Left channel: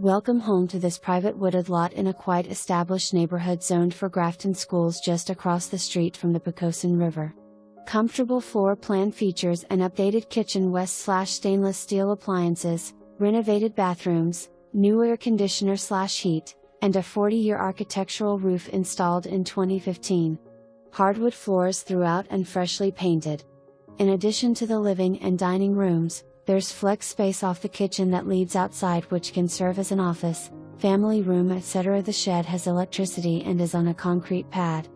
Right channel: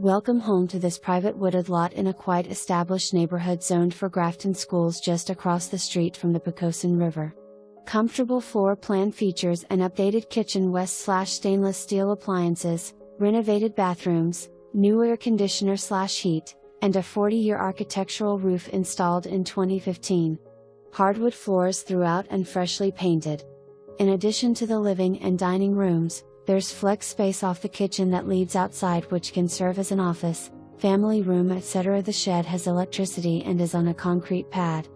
Welcome home to this private wooded lot in a quite established neighborhood zoned for Grafton schools just across the street from the Poquoson River. Comfortable floor plan features an updated kitchen West/stainless steel appliances, renovated bathrooms, new air conditioner/heat, and a 40-year architectural roof installed in 2015. Hardwood floors throughout and freshly painted. In addition to the living and dining rooms, there's flex space off the kitchen that leads outside, which can serve as an office, family room, etc. The shed has electricity and is on a concrete pad.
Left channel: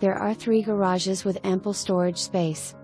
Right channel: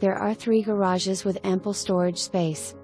There are 3 garages with ample storage space.